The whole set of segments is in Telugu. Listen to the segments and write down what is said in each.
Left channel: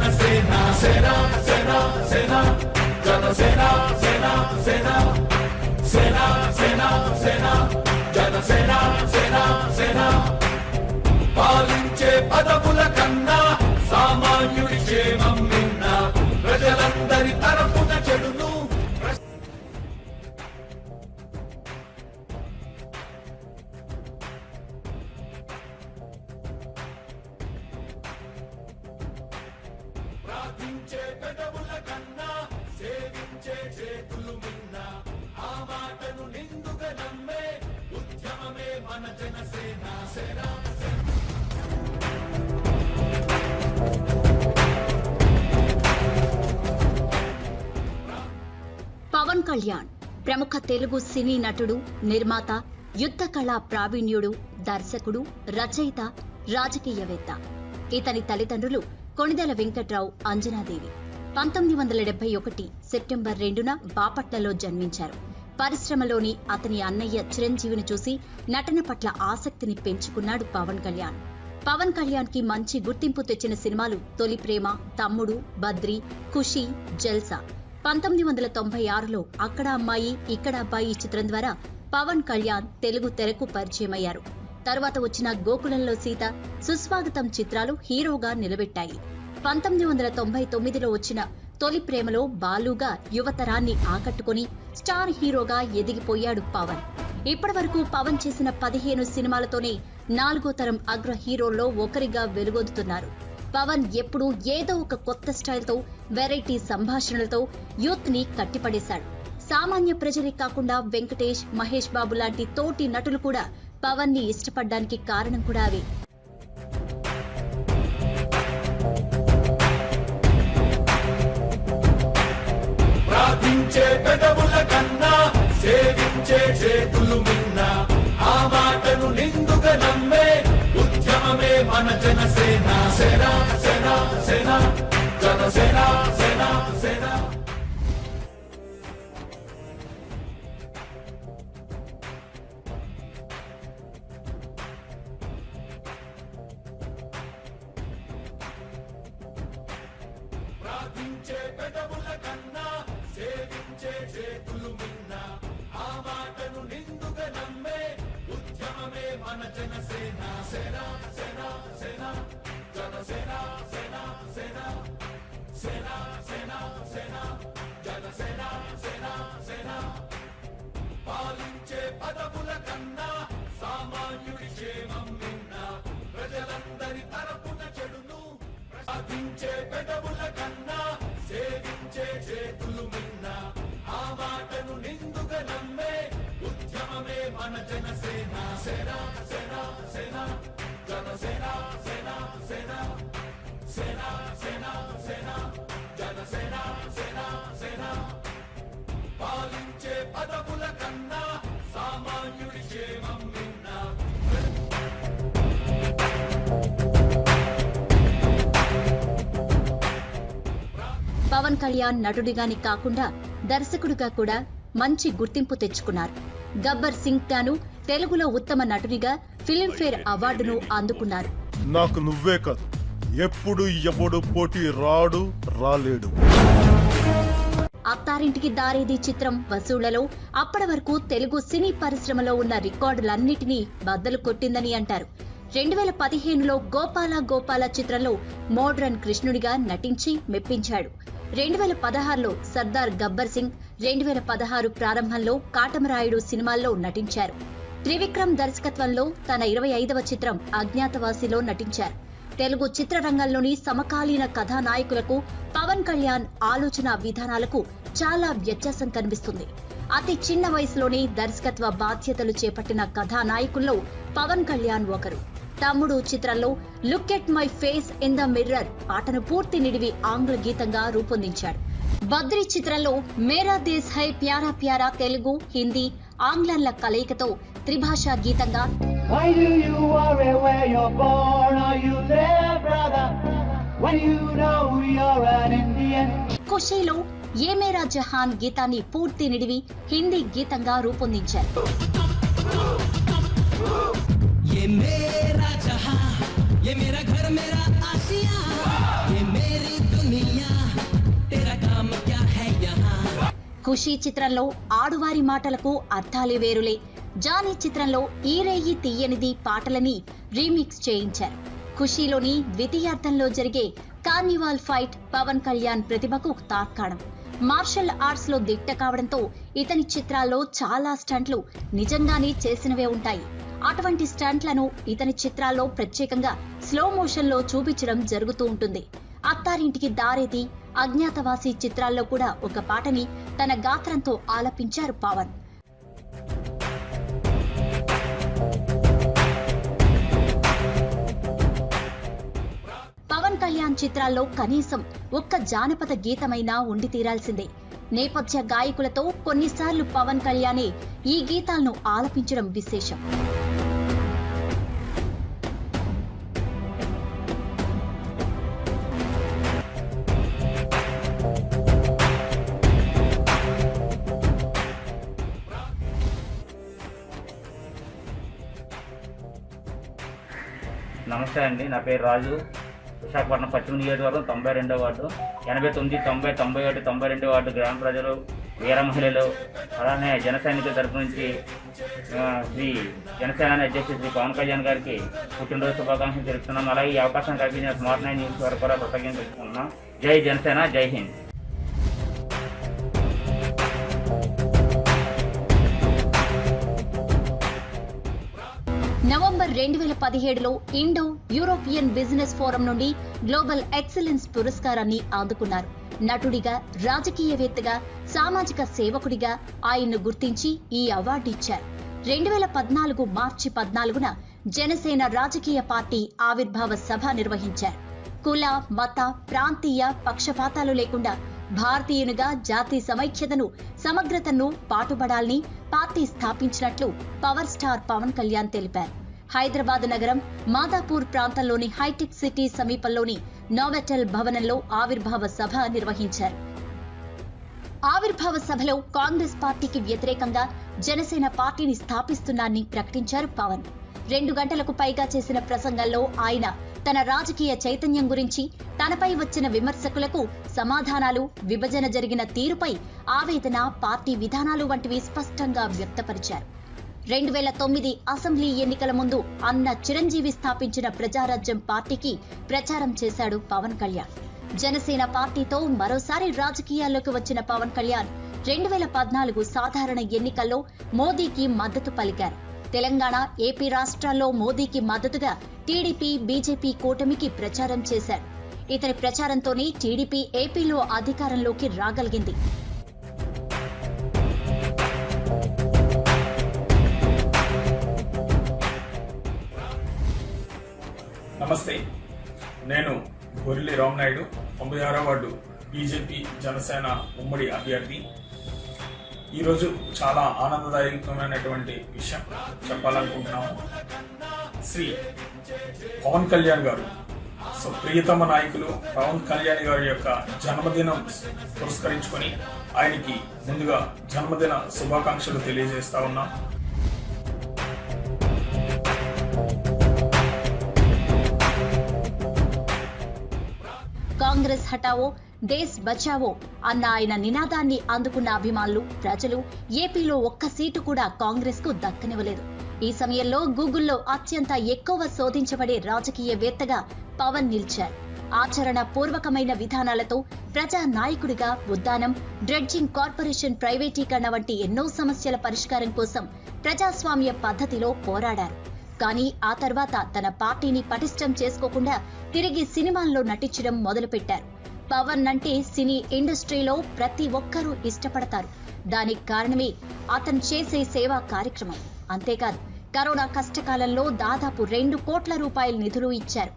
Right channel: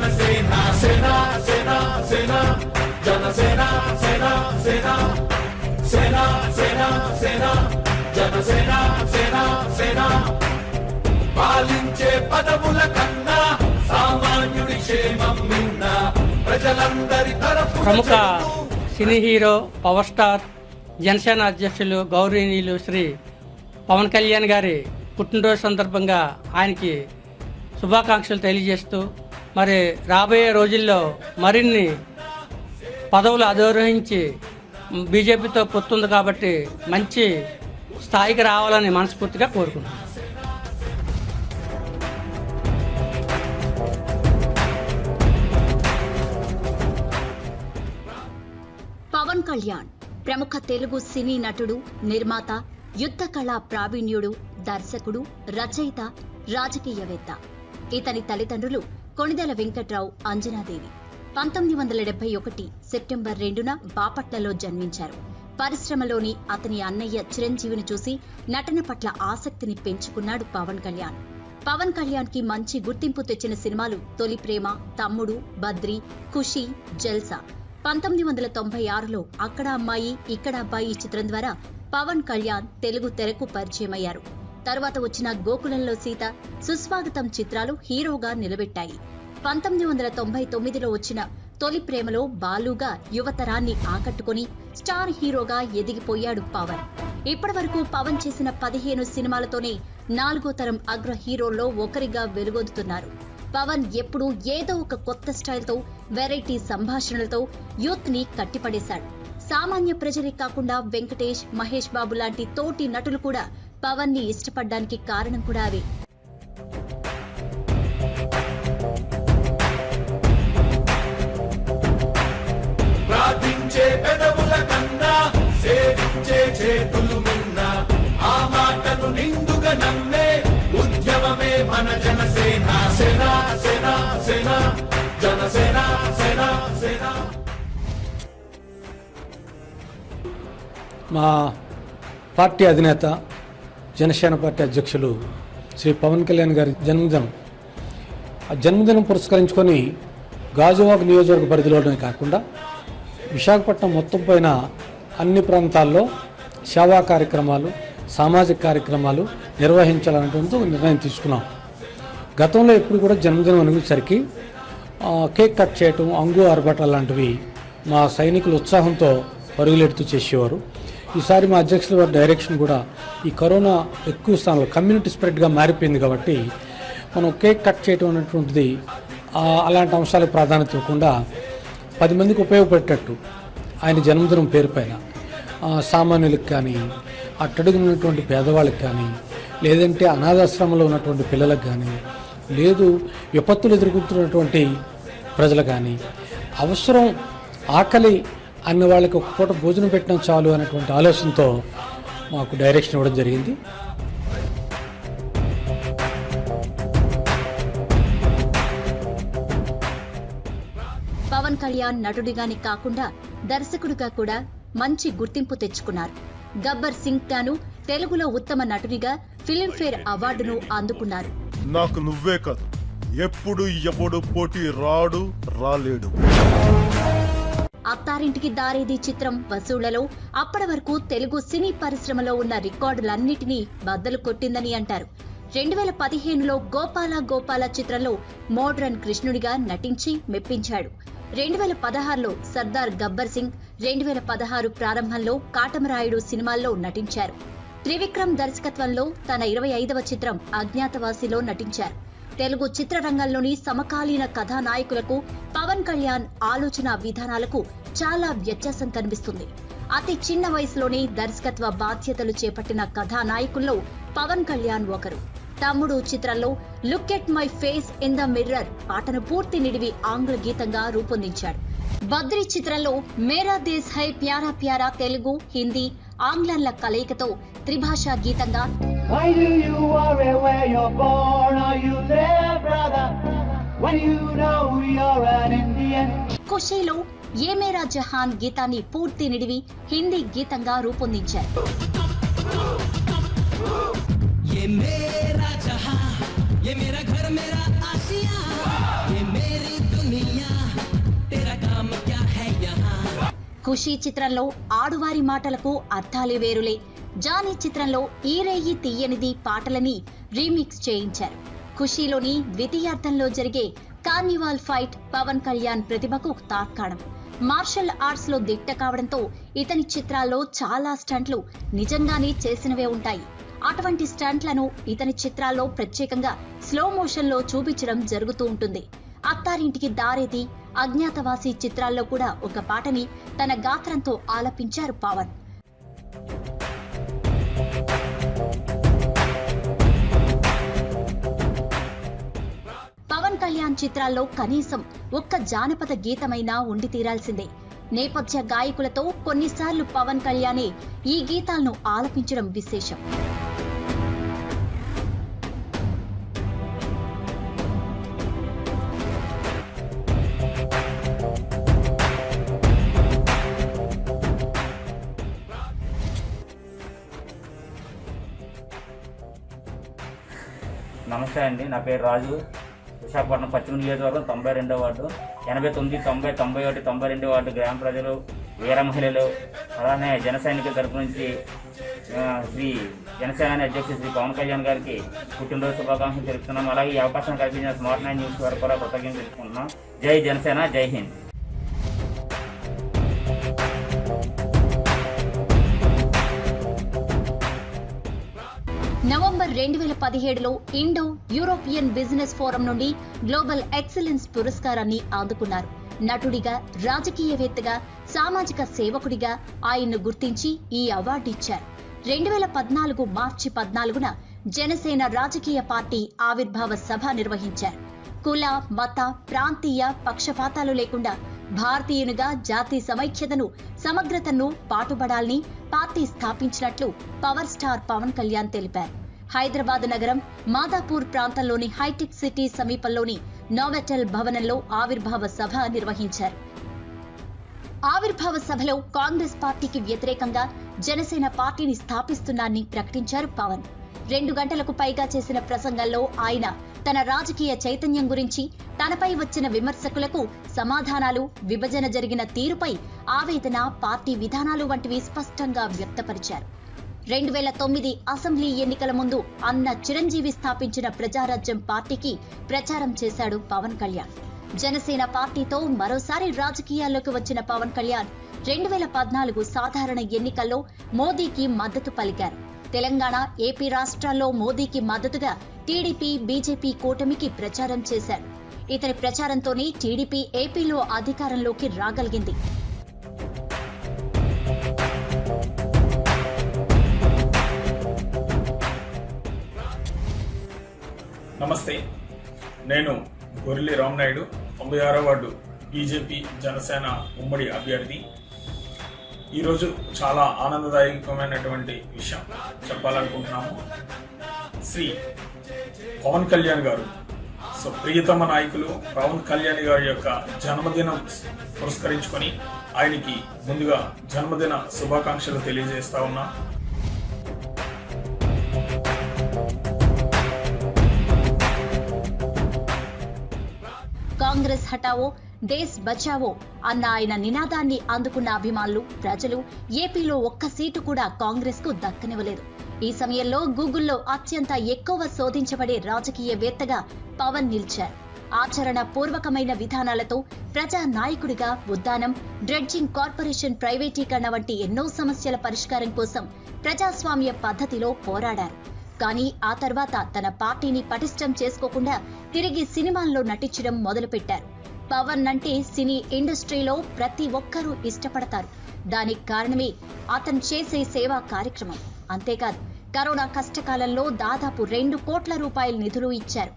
జనసేన సేన సేన సేన జనసేన సేన సేన సేన సేన సేన జనసేన సేన సేన పాలించే పదవుల కన్నా సామాన్యుడి క్షేమం నిన్న ప్రజలందరి తరపు ప్రముఖ cine hero power star Janasena అధ్యక్షులు గౌరవనీయులు శ్రీ పవన్ కళ్యాణ్ గారి పుట్టినరోజు సందర్భంగా ఆయనకి శుభాకాంక్షలు తెలియజేస్తూ మరి రాబోయే రోజుల్లో మరిన్ని పదవులు అధిరోహించి బీజేపీతో పొత్తుంది కాబట్టి మంచి స్థాయికి రావాలని మనస్ఫూర్తిగా కోరుకుంటున్నాను. పవన్ కళ్యాణ్ ప్రముఖ తెలుగు సినీ నటుడు, నిర్మాత, యుద్ధ కళా ప్రావీణ్యుడు, దర్శకుడు, రచయిత, రాజకీయవేత్త. ఇతని తల్లిదండ్రులు కొణిదెల వెంకట్రావు, అంజనాదేవి. 1971 సెప్టెంబర్ 2న బాపట్లలో జన్మించారు. పరిశ్రమలోని అతని అన్నయ్య చిరంజీవిని చూసి నటన పట్ల ఆసక్తిని పెంచుకున్నాడు పవన్ కళ్యాణ్. పవన్ కళ్యాణ్ కి మంచి గుర్తింపు తెచ్చిన సినిమాలు తొలి ప్రేమ, తమ్ముడు, బద్రి, ఖుషి, జల్సా. 1996లో అక్కడ అమ్మాయి ఇక్కడ అబ్బాయి చిత్రం ద్వారా పవన్ కళ్యాణ్ తెలుగు తెరకు పరిచయమయ్యారు. తరువాత వచ్చిన గోకులంలో సీత, సుస్వాగతం చిత్రాలు హీరోగా నిలబెట్టాయి. 1999లో వచ్చిన తొలి ప్రేమలో బాలుగా యువతరాన్ని ఆకట్టుకుని స్టార్ హీరోగా ఎదిగిపోయాడు పవన్. ఇప్పటివరకు పవన్ చేసిన 15 సినిమాలతోనే 4వ తరం అగ్ర హీరోల్లో ఒకరిగా వెలుగొందుతున్నారు. పవన్ ఎప్పుడూ ఏదో ఒక కొత్త స్టైల్తో, వెరైటీ సంభాషణలతో యూత్ ని కట్టిపడేశాడు. సామాన్య ప్రజలే కాకుండా వెంకటేష్, మహేష్ బాబు లాంటి తోటి నటులు కూడా పవన్ ని ఇష్టపడ్డానికి కారణం కూడా అవే. మా పార్టీ అధినేత, జనసేన పార్టీ అధ్యక్షులు శ్రీ పవన్ కళ్యాణ్ గారి జన్మదినం. ఆ జన్మదినం పురస్కరించుకొని గాజువాక నియోజకవర్గ పరిధిలోనే కాకుండా విశాఖపట్నం మొత్తం పైన అన్ని ప్రాంతాల్లో సేవా కార్యక్రమాలు, సామాజిక కార్యక్రమాలు నిర్వహించాలనేటువంటి ఒక నిర్ణయం తీసుకున్నాం. గతంలో ఎప్పుడు కూడా జన్మదినం అనేసరికి కేక్ కట్ చేయటం, అంగు ఆర్భాటాలు లాంటివి మా సైనికులు ఉత్సాహంతో పరుగులెడుతూ చేసేవారు. ఈసారి మా అధ్యక్షుల వారి డైరెక్షన్ కూడా ఈ కరోనా ఎక్కువ స్థానంలో కమ్యూనిటీ స్ప్రెడ్గా మారిపోయింది కాబట్టి మనం కేక్ కట్ చేయటం అనేటువంటిది అలాంటి అంశాలకు ప్రాధాన్యత ఇవ్వకుండా 10 మందికి ఉపయోగపడేటట్టు ఆయన జన్మదినం పేరు పైన సామాన్యులకు కానీ, అట్టడుగున్నటువంటి పేదవాళ్ళకి కానీ, లేదంటే అనాథాశ్రమంలో ఉన్నటువంటి పిల్లలకు కానీ, లేదు విపత్తులు ఎదుర్కొంటున్నటువంటి ప్రజలు కానీ, అవసరం ఆకలి అన్న వాళ్ళకి ఒక పూట భోజనం పెట్టడం చాలు అనేటువంటి ఆలోచనతో మాకు డైరెక్షన్ ఇవ్వడం జరిగింది. పవన్ కళ్యాణ్ నటుడిగాని కాకుండా దర్శకుడిగా కూడా మంచి గుర్తింపు తెచ్చుకున్నారు. గబ్బర్ సింగ్ గాను తెలుగులో ఉత్తమ నటుడిగా ఫిల్మ్ఫేర్ అవార్డును అందుకున్నారు. నాకు నువ్వే కాదు, ఎప్పుడు ఎవడు పోటీ రాలేడు. అత్తారింటికి దారేది చిత్రం వసూళ్లలో అప్పటి వరకు తెలుగు సినీ పరిశ్రమలో ఉన్న రికార్డులన్నిటినీ బద్దలు కొట్టిందని అంటారు. 2015లో గోపాల చిత్రంలో మోడ్రన్ కృష్ణుడిగా నటించి మెప్పించాడు. 2016లో సర్దార్ గబ్బర్ సింగ్, 2016 ప్రారంభంలో కాటమరాయుడు సినిమాల్లో నటించారు. త్రివిక్రమ్ దర్శకత్వంలో తన 25వ చిత్రం అజ్ఞాతవాసిలో నటించారు. తెలుగు చిత్రరంగంలోని సమకాలీన కథానాయకులకు పవన్ కళ్యాణ్ ఆలోచన విధానాలకు చాలా వ్యత్యాసం కనిపిస్తుంది. అతి చిన్న వయసులోనే దర్శకత్వ బాధ్యతలు చేపట్టిన కథానాయకుల్లో పవన్ కళ్యాణ్ ఒకరు. తమ్ముడు చిత్రంలో look at my face in the mirror పాటను పూర్తి నిడివి ఆంగ్ల గీతంగా రూపొందించాడు. బద్రి చిత్రంలో మేరా దేశ్ హై ప్యారా ప్యారా తెలుగు, హిందీ, ఆంగ్లంల కలయికతో త్రిభాషా గీతంగా ఖుషీలో ఏ మేరా జహాన్ గీతాన్ని పూర్తి నిడివి హిందీ గీతంగా రూపొందించారు. ఖుషీ చిత్రంలో ఆడువారి మాటలకు అర్థాలే వేరులే, జానీ చిత్రంలో ఈ రేయి తీయనిది పాటలని రీమిక్స్ చేయించారు. ఖుషీలోని ద్వితీయార్థంలో జరిగే కార్నివాల్ ఫైట్ పవన్ కళ్యాణ్ ప్రతిభకు తార్కాణం. మార్షల్ ఆర్ట్స్ లో దిట్ట కావడంతో ఇతని చిత్రాల్లో చాలా స్టంట్లు నిజంగానే చేసినవే ఉంటాయి. అటువంటి స్టంట్లను ఇతని చిత్రాల్లో ప్రత్యేకంగా స్లో మోషన్ లో చూపించడం జరుగుతూ ఉంటుంది. అత్తారింటికి దారేది, అజ్ఞాతవాసి చిత్రాల్లో కూడా ఒక పాటని తన గాత్రంతో ఆలపించారు పవన్. పవన్ కళ్యాణ్ చిత్రాల్లో కనీసం ఒక్క జానపద గీతమైనా ఉండి తీరాల్సిందే. నేపథ్య గాయకులతో కొన్నిసార్లు పవన్ కళ్యాణే ఈ గీతాలను ఆలపించడం విశేషం. నమస్తే అండి, నా పేరు రాజు. విశాఖపట్నం పశ్చిమ నియోజకవర్గం 92వ వార్డు, 89, 90, 91, 92 వార్డు గ్రామ ప్రజలు, వీర మహిళలు, అలానే జన సైనికుల తరపు నుంచి శ్రీ జనసేన అధ్యక్షుడు శ్రీ పవన్ కళ్యాణ్ గారికి పుట్టినరోజు శుభాకాంక్షలు తెలుపుతున్నాం. అలాగే ఈ అవకాశం కల్పించిన స్మార్ట్ 9 న్యూస్ వారికి కూడా కృతజ్ఞతలు తెలుపుకుంటున్నాం. జై జనసేన, జై హింద్. నవంబర్ 2017లో ఇండో యూరోపియన్ బిజినెస్ ఫోరం నుండి గ్లోబల్ ఎక్సలెన్స్ పురస్కారాన్ని అందుకున్నారు. నటుడిగా, రాజకీయవేత్తగా, సామాజిక సేవకుడిగా ఆయన్ను గుర్తించి ఈ అవార్డు ఇచ్చారు. 2014 మార్చి 14న జనసేన రాజకీయ పార్టీ ఆవిర్భావ సభ నిర్వహించారు. కుల, మత, ప్రాంతీయ పక్షపాతాలు లేకుండా భారతీయునిగా జాతి సమైక్యతను, సమగ్రతను పాటుపడాలని పార్టీ స్థాపించినట్లు పవర్ స్టార్ పవన్ కళ్యాణ్ తెలిపారు. హైదరాబాద్ నగరం మాదాపూర్ ప్రాంతంలోని హైటెక్ సిటీ సమీపంలోని నోవెటల్ భవనంలో ఆవిర్భావ సభ నిర్వహించారు. ఆవిర్భావ సభలో కాంగ్రెస్ పార్టీకి వ్యతిరేకంగా జనసేన పార్టీని స్థాపిస్తున్నారని ప్రకటించారు పవన్. 2 గంటలకు పైగా చేసిన ప్రసంగంలో ఆయన తన రాజకీయ చైతన్యం గురించి, తనపై వచ్చిన విమర్శకులకు సమాధానాలు, విభజన జరిగిన తీరుపై ఆవేదన, పార్టీ విధానాలు వంటివి స్పష్టంగా వ్యక్తపరిచారు. 2009 అసెంబ్లీ ఎన్నికల ముందు అన్న చిరంజీవి స్థాపించిన ప్రజారాజ్యం పార్టీకి ప్రచారం చేశాడు పవన్ కళ్యాణ్. జనసేన పార్టీతో మరోసారి రాజకీయాల్లోకి వచ్చిన పవన్ కళ్యాణ్ 2014 సాధారణ ఎన్నికల్లో మోదీకి మద్దతు పలికారు. తెలంగాణ, ఏపీ రాష్ట్రాల్లో మోదీకి మద్దతుగా టీడీపీ, బీజేపీ కూటమికి ప్రచారం చేశారు. ఇతని ప్రచారంతోనే టీడీపీ ఏపీలో అధికారంలోకి రాగలిగింది. నమస్తే, నేను గొర్రెల్లి రామనాయుడు, 96వ వార్డు బీజేపీ జనసేన ఉమ్మడి అభ్యర్థి. ఈరోజు చాలా ఆనందదాయకమైనటువంటి విషయం చెప్పాలనుకుంటున్నాము. శ్రీ పవన్ కళ్యాణ్ గారు, ప్రియతమ నాయకులు పవన్ కళ్యాణ్ గారి యొక్క జన్మదినం పురస్కరించుకొని ఆయనకి ముందుగా జన్మదిన శుభాకాంక్షలు తెలియజేస్తా ఉన్నాం. కాంగ్రెస్ హటావో, దేశ్ బచావో అన్న ఆయన నినాదాన్ని అందుకున్న అభిమానులు, ప్రజలు ఏపీలో ఒక్క సీటు కూడా కాంగ్రెస్ కు దక్కనివ్వలేదు. ఈ సమయంలో గూగుల్లో అత్యంత ఎక్కువ శోధించబడే రాజకీయవేత్తగా పవన్ నిలిచారు. ఆచరణ పూర్వకమైన విధానాలతో ప్రజా నాయకుడిగా ఉద్దానం, డ్రెడ్జింగ్ కార్పొరేషన్ ప్రైవేటీకరణ వంటి ఎన్నో సమస్యల పరిష్కారం కోసం ప్రజాస్వామ్య పద్ధతిలో పోరాడారు. కానీ ఆ తర్వాత తన పార్టీని పటిష్టం చేసుకోకుండా తిరిగి సినిమాల్లో నటించడం మొదలుపెట్టారు. పవన్ అంటే సినీ ఇండస్ట్రీలో ప్రతి ఒక్కరూ ఇష్టపడతారు. దానికి కారణమే అతను చేసే సేవా కార్యక్రమం. అంతేకాదు, కరోనా కష్టకాలంలో దాదాపు 2 కోట్ల రూపాయల నిధులు ఇచ్చారు.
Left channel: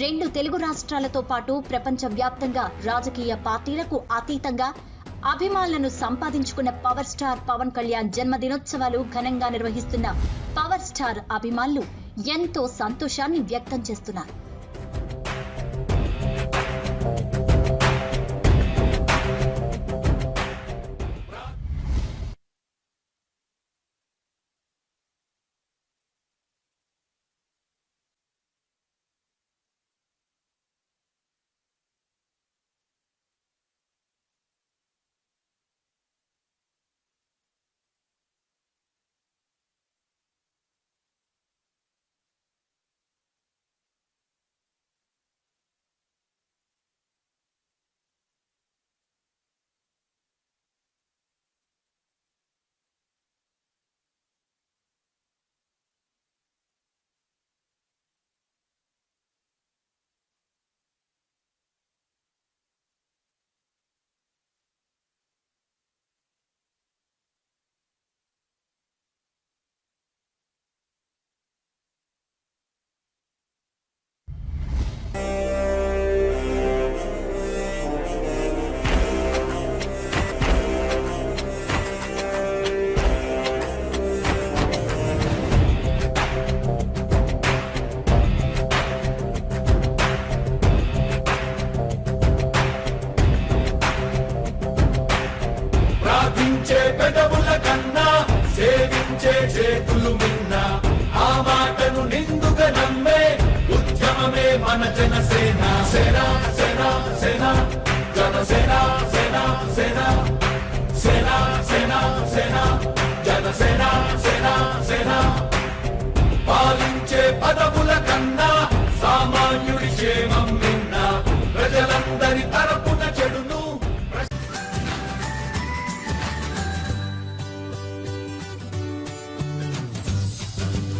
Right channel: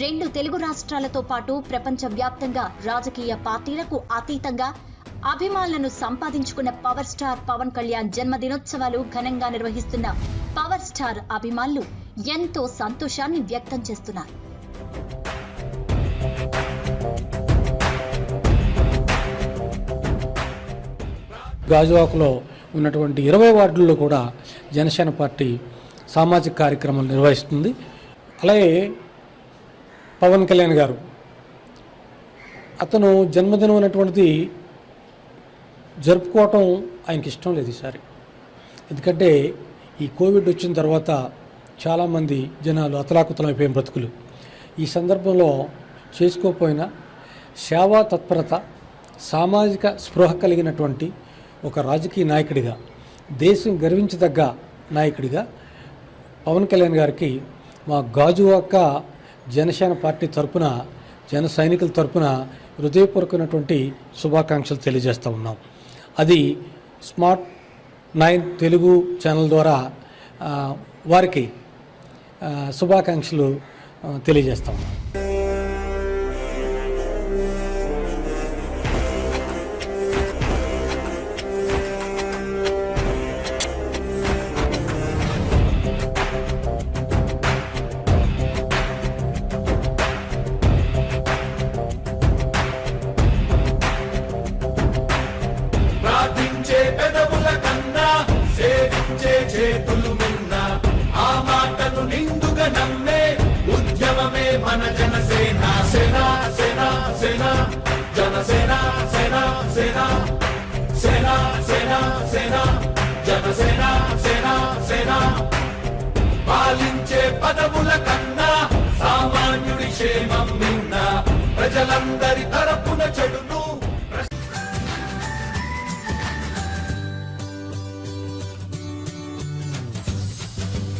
2 తెలుగు రాష్ట్రాలతో పాటు ప్రపంచ వ్యాప్తంగా రాజకీయ పార్టీలకు అతీతంగా అభిమానులను సంపాదించుకున్న పవర్ స్టార్ పవన్ కళ్యాణ్ జన్మదినోత్సవాలు ఘనంగా నిర్వహిస్తున్న పవర్ స్టార్ అభిమానులు ఎంతో సంతోషాన్ని వ్యక్తం చేస్తున్నారు. గాజువాకలో ఉన్నటువంటి 20 వార్డుల్లో కూడా జనసేన పార్టీ సామాజిక కార్యక్రమాలు నిర్వహిస్తుంది. అలాగే పవన్ కళ్యాణ్ గారు, అతను జన్మదినం అనేటువంటిది జరుపుకోవటం ఆయనకి ఇష్టం లేదు ఈసారి. ఎందుకంటే ఈ కోవిడ్ వచ్చిన తర్వాత చాలామంది జనాలు అతలాకుతలమైపోయిన బ్రతుకులు. ఈ సందర్భంలో చేసుకోకపోయినా సేవా తత్పరత, సామాజిక స్పృహ కలిగినటువంటి ఒక రాజకీయ నాయకుడిగా, దేశం గర్వించదగ్గ నాయకుడిగా పవన్ కళ్యాణ్ గారికి మా గాజువాక జనసేన పార్టీ తరపున, జన సైనికుల తరపున హృదయపూర్వకమైనటువంటి శుభాకాంక్షలు తెలియజేస్తూ ఉన్నాం. అది స్మార్ట్ 9 తెలుగు ఛానల్ ద్వారా వారికి శుభాకాంక్షలు తెలియజేస్తాం. ప్రార్థించే పెదవుల కన్నా సేవించే చేతులు మిన్నా, ఆ మాటను నిండుగా నమ్మే ఉద్యమమే మన జనసేన. సేన సేన సేన జనసేన, సేన సేన సేన సేన సేన జనసేన, సేన సేన. పాలించే పదవుల కన్నా